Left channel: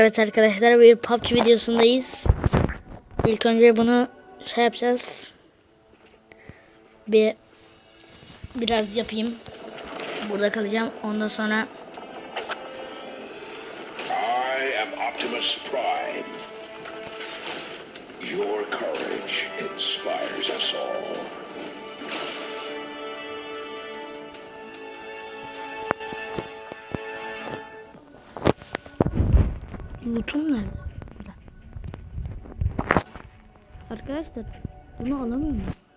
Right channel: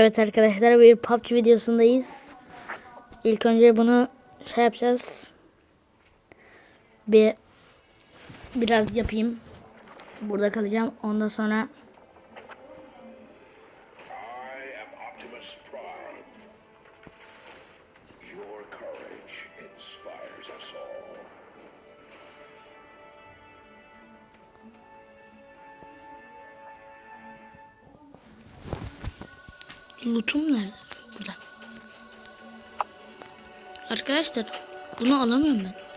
Evet arkadaşlar bir PUBG videosundayız. İlk önce bunu şey yapacağız. Bir biraz yapayım. Burada kalacağım. Ondan sonra lootum nerede? Burada. Arkadaşlar bunu alamıyorum ben.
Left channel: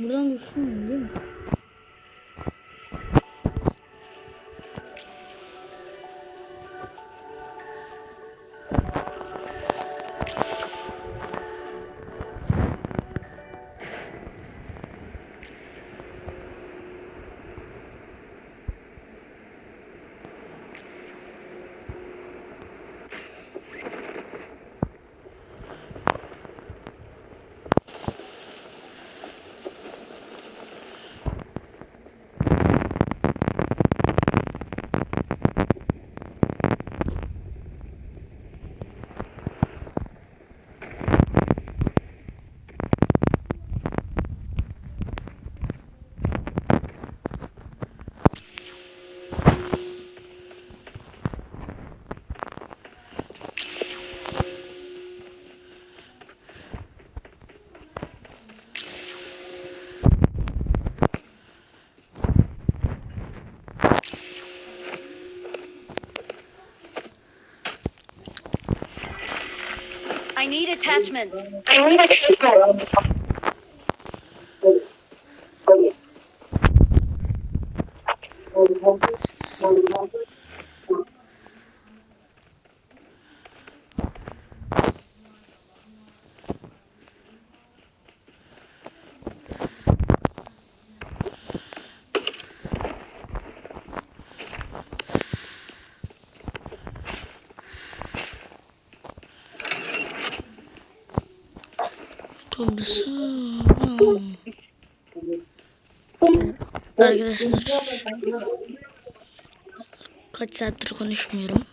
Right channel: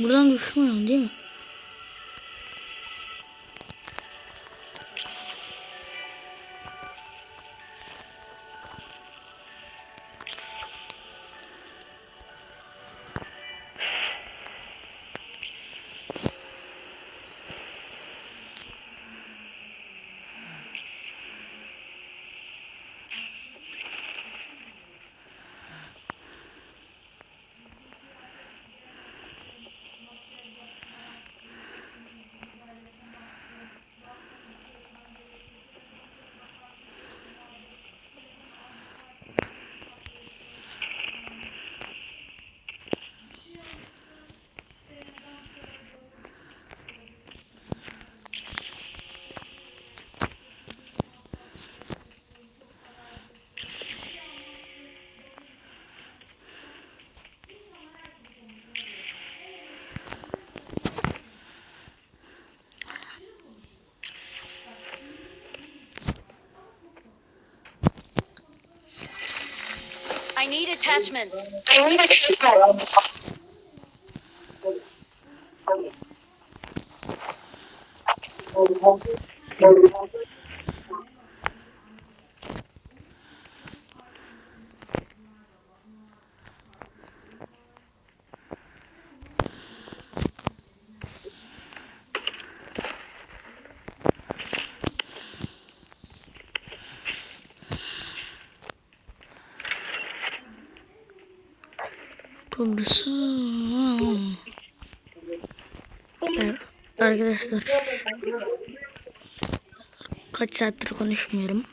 Buradan düşmüyorum attachments. I need attachments. Arkadaşlar. Kaç saattir konuşmuyorum.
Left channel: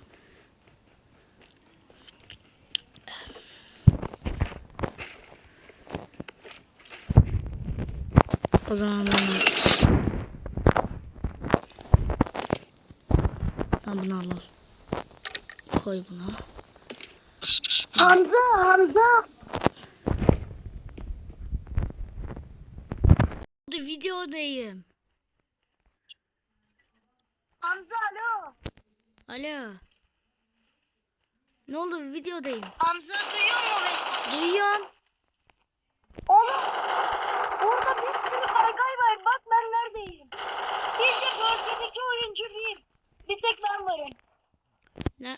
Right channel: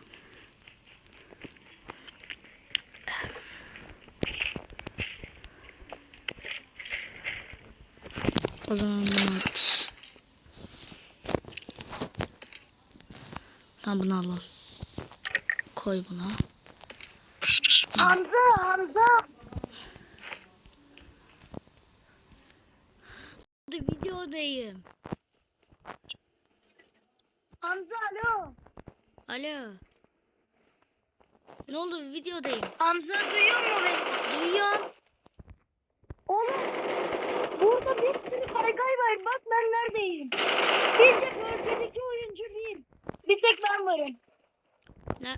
O zaman Ha bunu alalım. Koy buna. Hamza, Hamza. Videodayım. Hamza alo. Alo. Ne oldu videodayım. Hamza duyuyor mu beni? Duyuyorum. Oğlum burada bir sürü kaygay var. Bak ben neredeyim. Bir de bölgedeki oyuncu bir. Bir tek ben varım. Ne?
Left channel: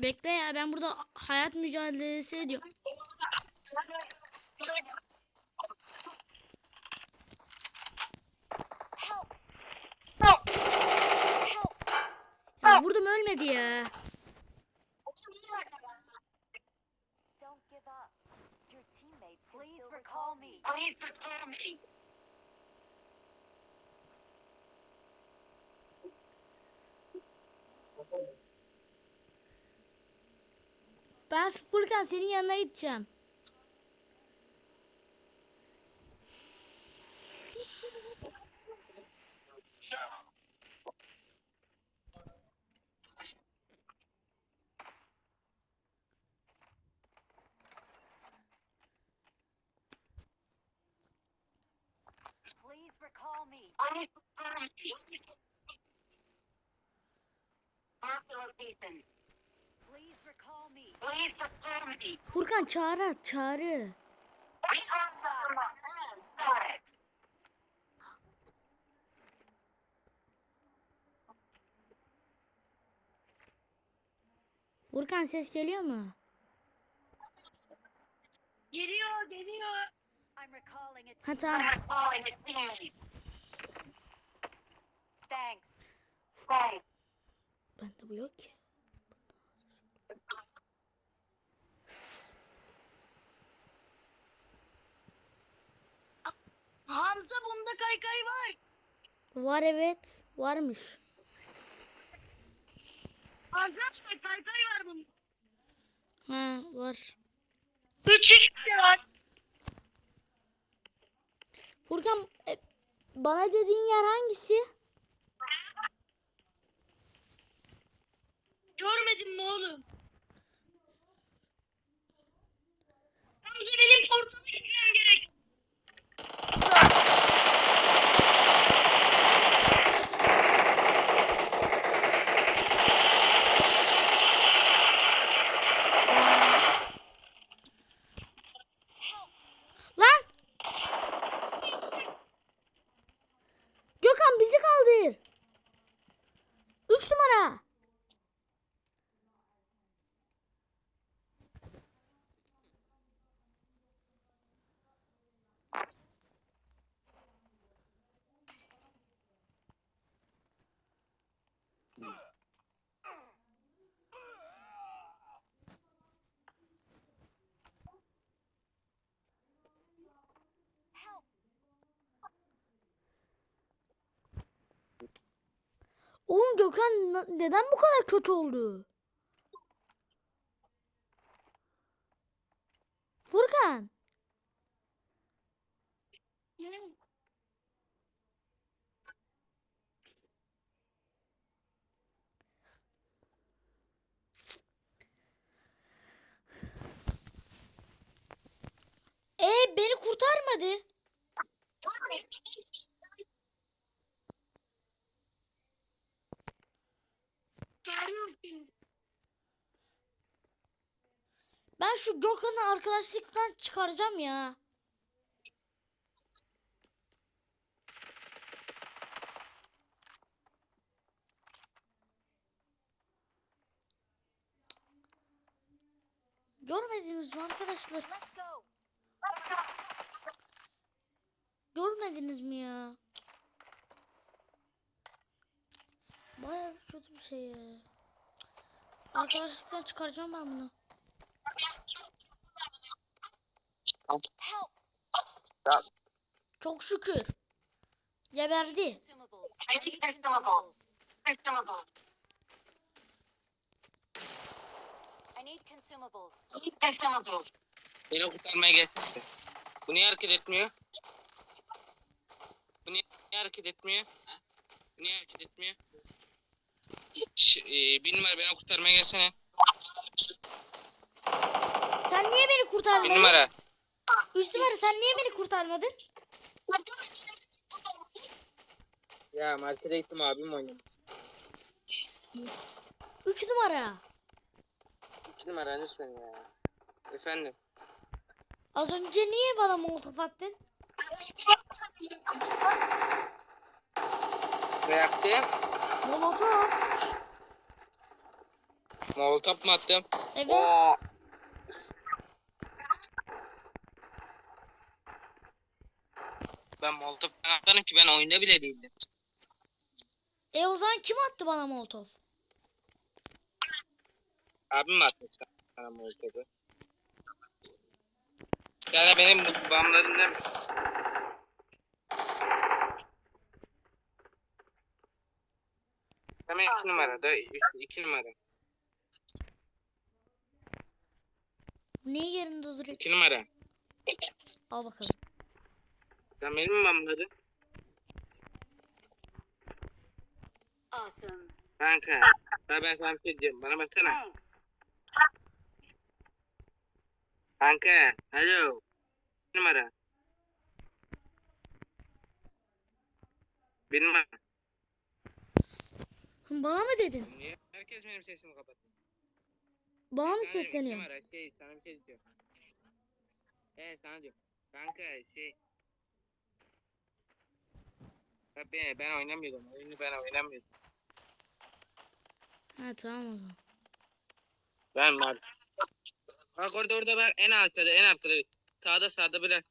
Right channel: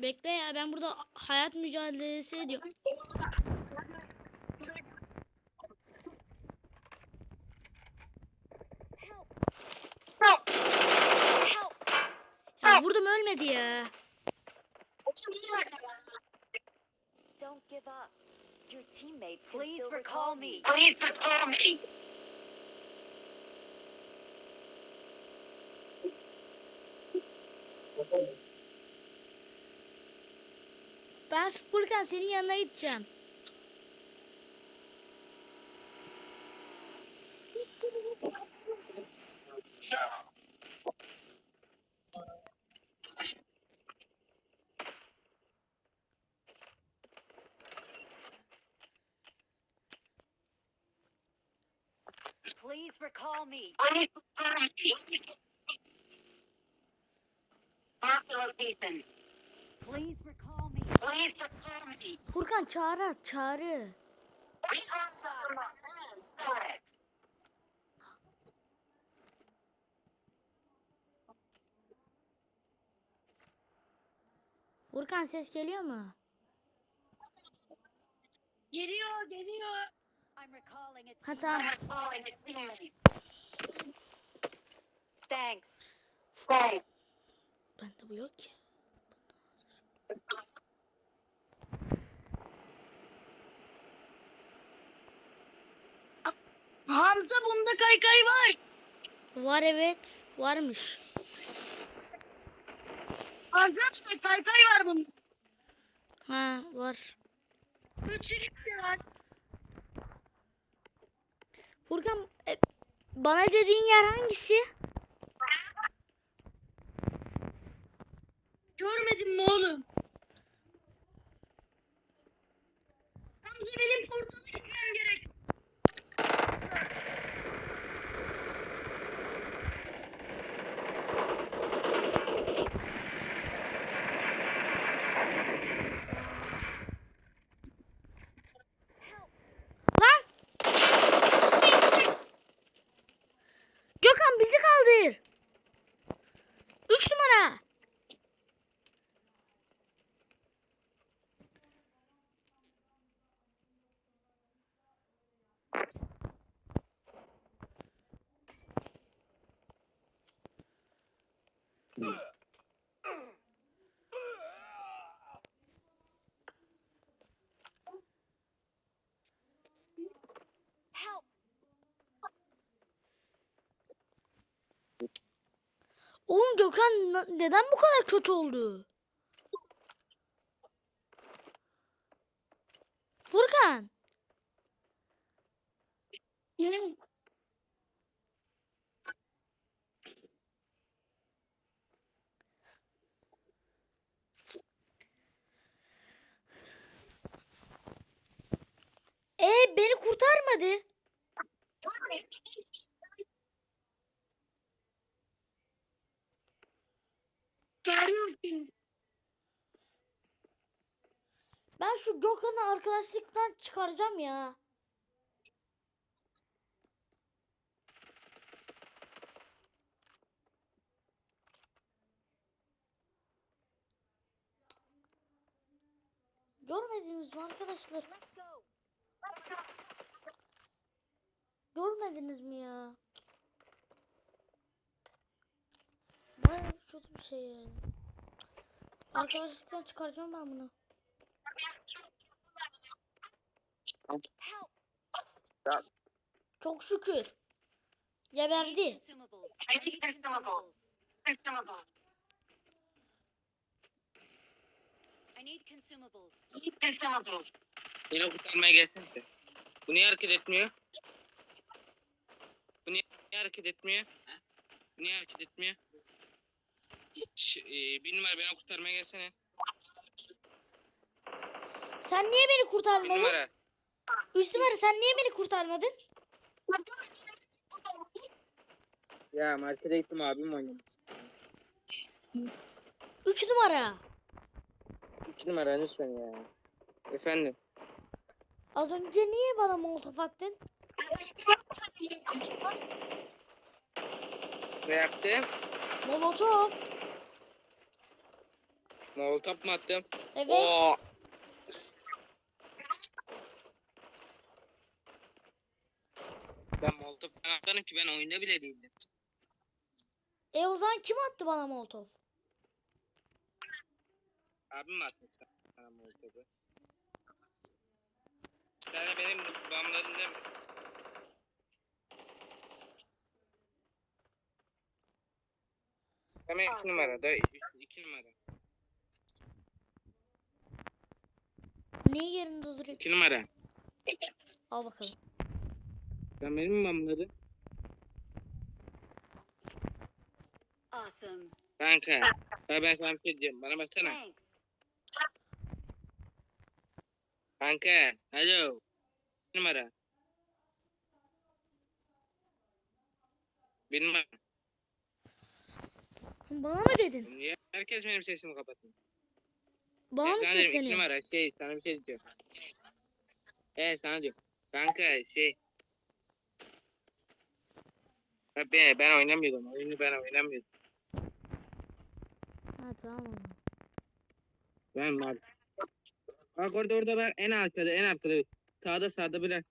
Bekle ya ben burada hayat mücadelesi ediyorum. Ya vurdum ölmedi ya. Don't give up. Your teammates can Please recall me. Ben Furkan senin yanına gideceğim. Please recall me. Please recall me. Furkan çağrı at çağrı. Furkan ses geliyor mu? Geliyor, geliyor. I'm recalling its Ha tamam. Thanks. Bende bu yok ki. Hamza bunda kaykay var. Var evet. Varmış. Arkadaşlar kaykay var bunda. Ha var. 3 x var. Furkan e, bana dediğin yer hangisi? Görmedin mi oğlum? Hamza benim portala gitmem gerek. Lan! Gökhan bizi kaldır. Üç numara. Help. Oğlum Gökhan neden bu kadar kötü oldu? Furkan. E beni kurtarmadı. Ben şu Gökhan'ı arkadaşlıktan çıkaracağım ya. Görmediniz mi arkadaşlar? Görmediniz mi ya? Bayağı kötü bir şey ya. Arkadaşlıktan çıkaracağım ben bunu. Çok şükür. Geberdi. Beni kurtarmaya gelsene. Bu niye hareket etmiyor? Bu niye, hareket etmiyor? Bu niye hareket etmiyor? Ş e, numara beni kurtarmaya gelsene. Sen niye beni Bir kurtarmadın? numara. Üç numara sen niye beni kurtarmadın? Ya markete gittim abim oynadı. Üç numara. İki numara lütfen ya. Efendim. Az önce niye bana molotof attın? Ne yaptı? Molotof. Molotof mu attım? Evet. Oo. Ben molotof ben ki ben oyunda bile değildim. E o zaman kim attı bana molotof? Abim atmış sana molotofu? Yani benim bu bağımlarımdan Tamam iki numara da iki, iki numara. Niye yerinde duruyor? İki numara. Al bakalım. Sen benim mi bağımladın? Awesome. Kanka. Ya ben sana bir şey diyeceğim. Bana baksana. Thanks. Kanka. Alo. İki numara. Bir numara. Bana mı dedin? Niye herkes benim sesimi kapatıyor? Bana mı diyorum, iki sesleniyor? numara şey sana bir şey diyeceğim. Evet sana diyorum. Kanka şey. Ya Ben, ben oynamıyordum. Oyunu ben oynamıyordum. Ha tamam o zaman. Ben var. Bak orada orada ben en arkada en arkada. Sağda sağda bırak.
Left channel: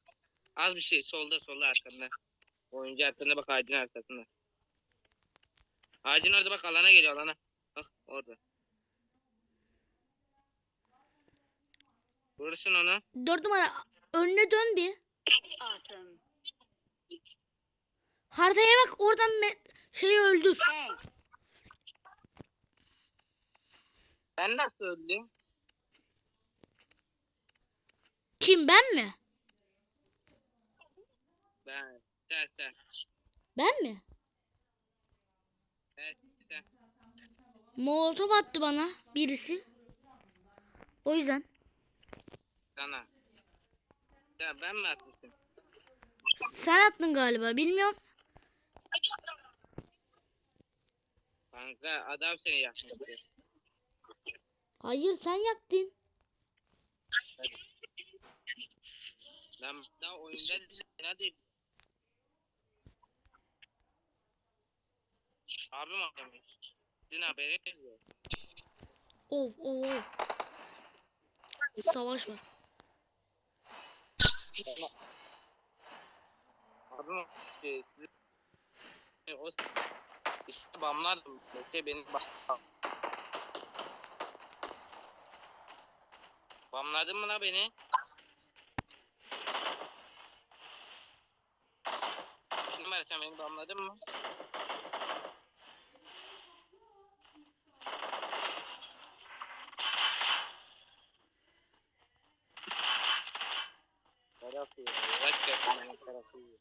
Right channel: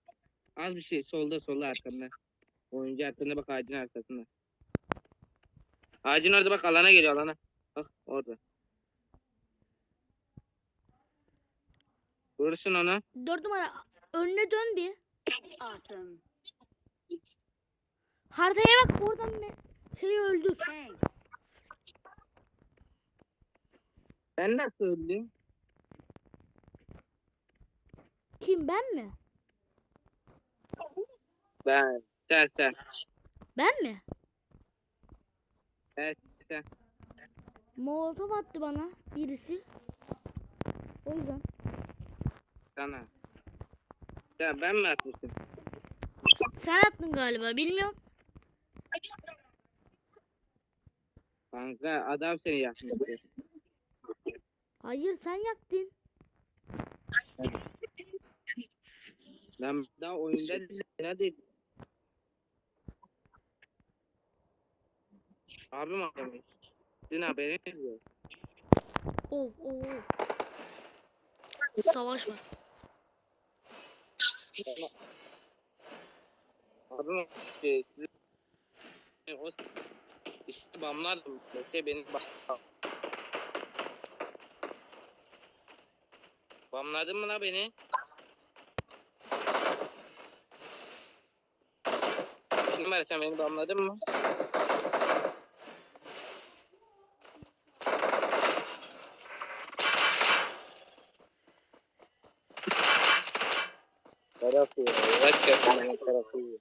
Az bir şey solda solda arkanda. Oyuncu arkanda bak ağacın arkasında. Ağacın orada bak alana geliyor alana. Bak orada. Vurursun onu. Dört numara önüne dön bir. Awesome. Haritaya bak oradan me- şeyi öldür. Thanks. Ben nasıl öldüm? Kim ben mi? Ben. Sen sen. Ben mi? Evet sen. Molotof attı bana birisi. O yüzden. Sana. Ya ben mi atmıştım? Sen attın galiba bilmiyorum. Kanka adam seni yakmıştı. Hayır sen yaktın. Ben daha oyunda hadi. Abim aramış. Sizin haberiniz yok. Of of of. Savaş var. Aramış. Şey, sizin- o işte bamlar da işte beni bak. Bamladın mı la beni? Bir numara sen beni bamladın mı? Ya. Gerçekten benim tarafı ya.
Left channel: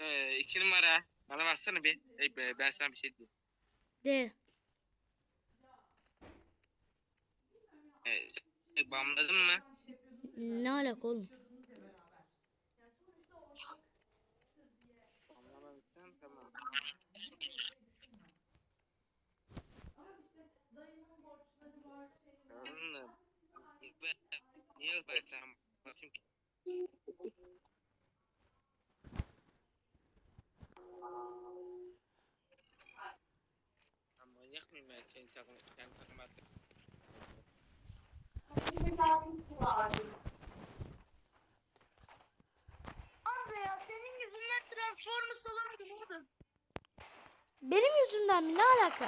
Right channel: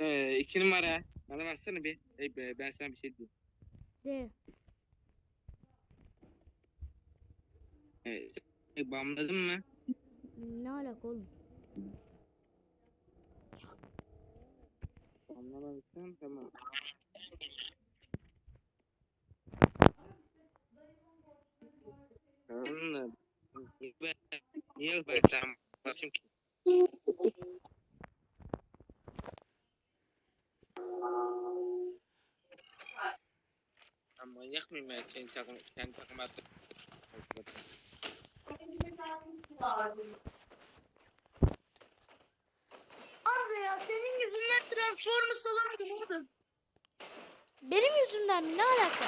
Ee, iki numara. Bana baksana bir. Ey be, ben sana bir şey diyeyim. De. Ee, bamladın mı? Ne alaka oğlum? Bamlamamışsan tamam. Anladım. Niye ben sen basayım ki? Mıyım ben senin takım, sen takım attın. Abi ya senin yüzünden Transformers alamadım oğlum. Benim yüzümden mi? Ne alaka?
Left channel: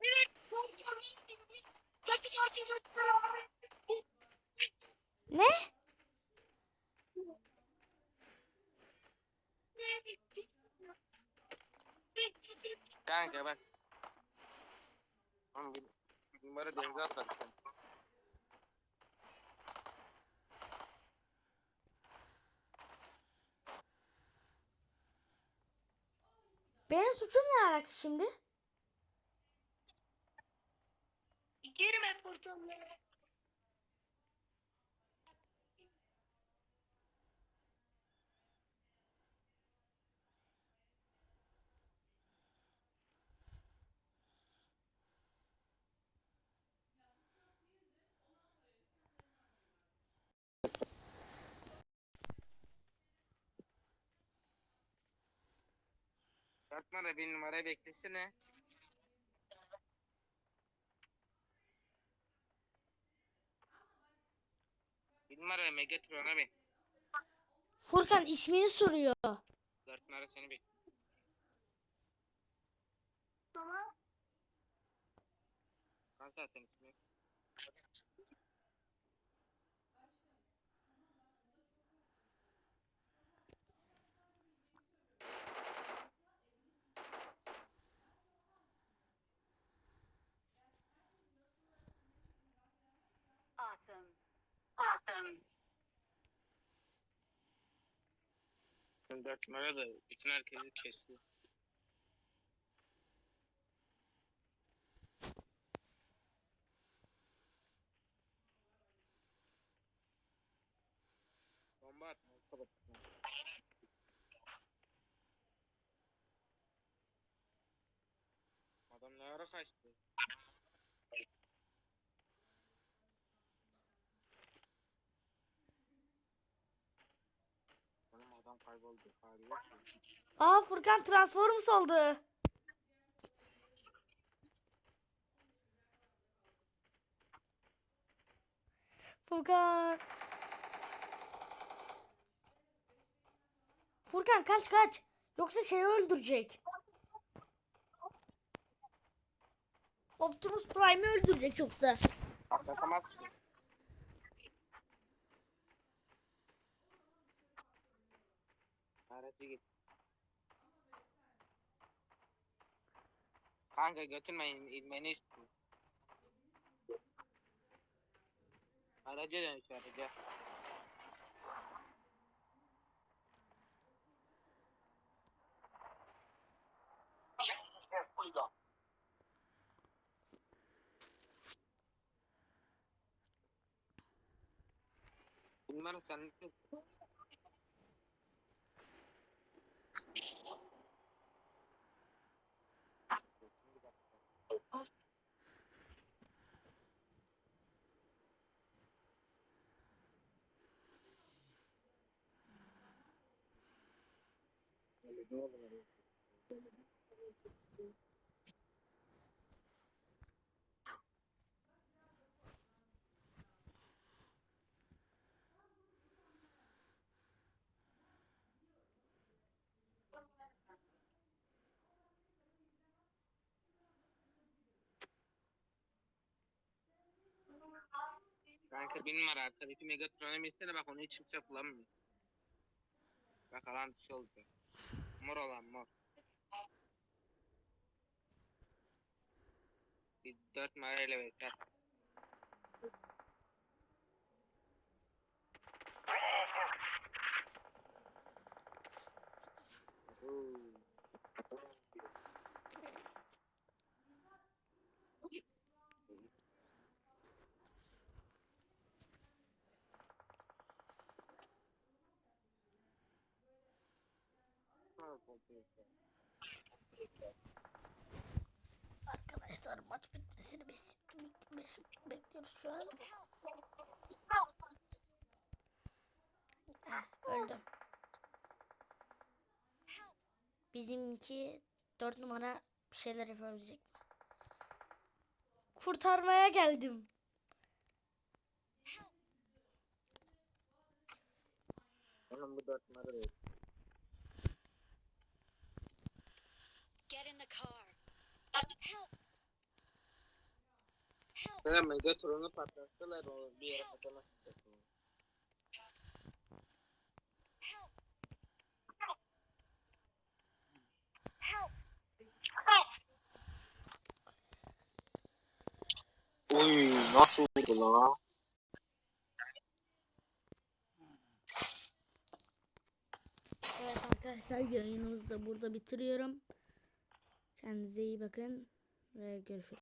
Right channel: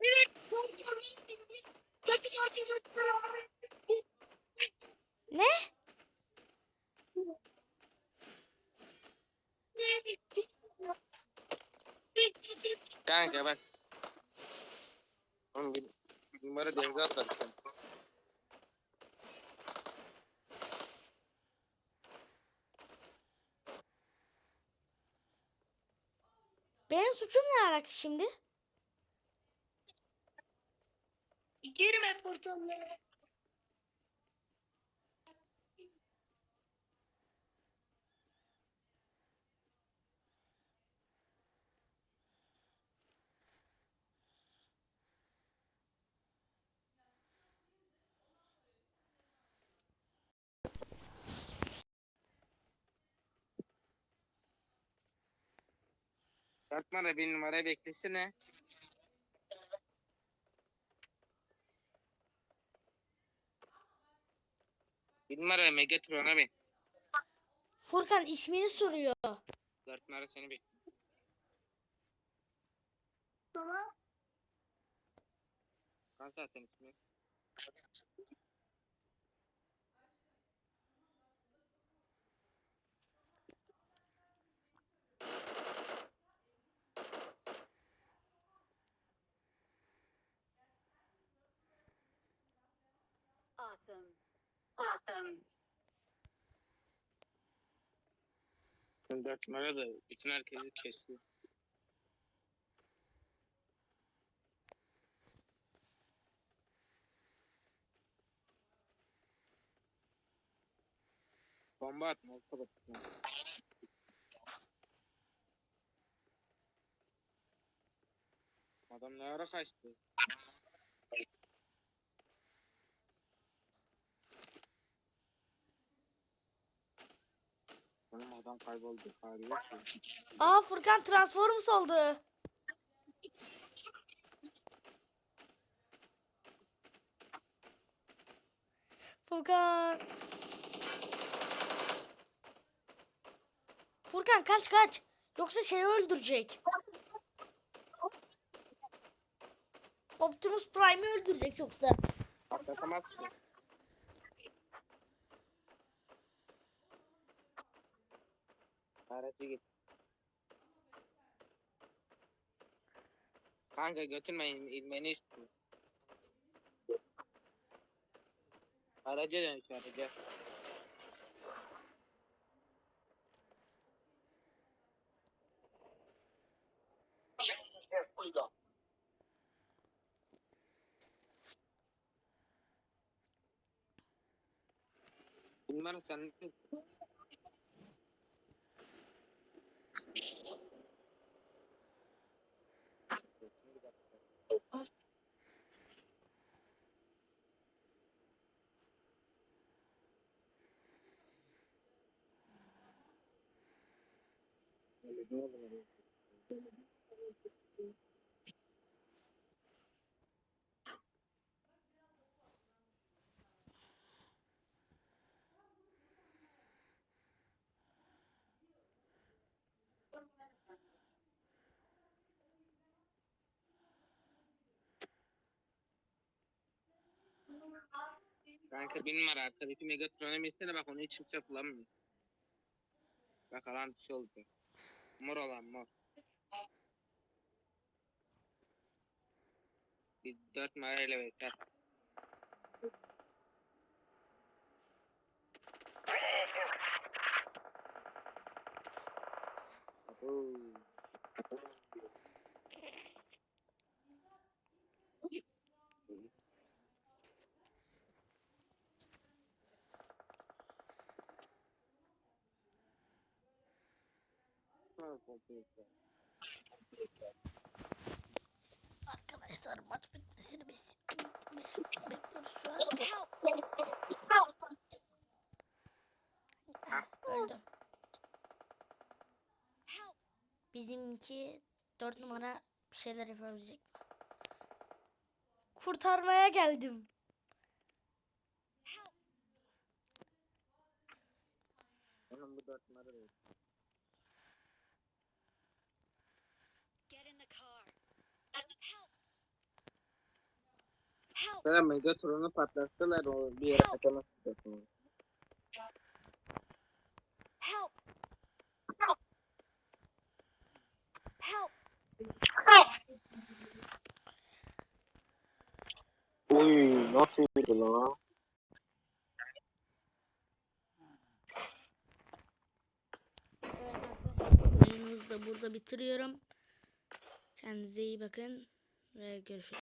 Evet. Transformers. Takım arkadaşlar abi. Ne? Kanka bak. Oğlum bir, numara denize sen. Benim suçum ne alaka şimdi? Girme portallara. Dört numara bir numara beklesene. Bir numara Megatron'a bin. Furkan ismini soruyor. Dört numara seni bekliyor. Tamam. Kaç zaten ismi? Awesome. Awesome. Dört numara da bütün herkesi kesti. Bomba atma, orta. Adam ne ara kaçtı? Adam kayboldu. Hali yok ki. Aa Furkan Transformers oldu. Furkan. Furkan kaç kaç. Yoksa şeyi öldürecek. Optimus Prime'i öldürecek yoksa. Atlatamaz Aracı git. Kanka götürmeyin ilmeni istiyor. Araca dön şu araca. Bilmem sen Kanka bir numara arkadaki Megatron'a binsene bak onu hiç kimse kullanmıyor. Bak alan dışı oldu. Mor olan mor. Bir dört numarayla yeter. Oo. Arkadaşlar maç bitmesini biz bekliyoruz şu an. Öldüm. Bizimki 4 numara bir şeyler yapabilecek mi? Kurtarmaya geldim. Onun bu dört numara değil. Help! Sonra Megatron'u patlattılar o bir yere kaçamaz. Help! Help! Nasıl lan? Evet arkadaşlar yayınımızı da burada bitiriyorum. Kendinize iyi bakın ve görüşürüz.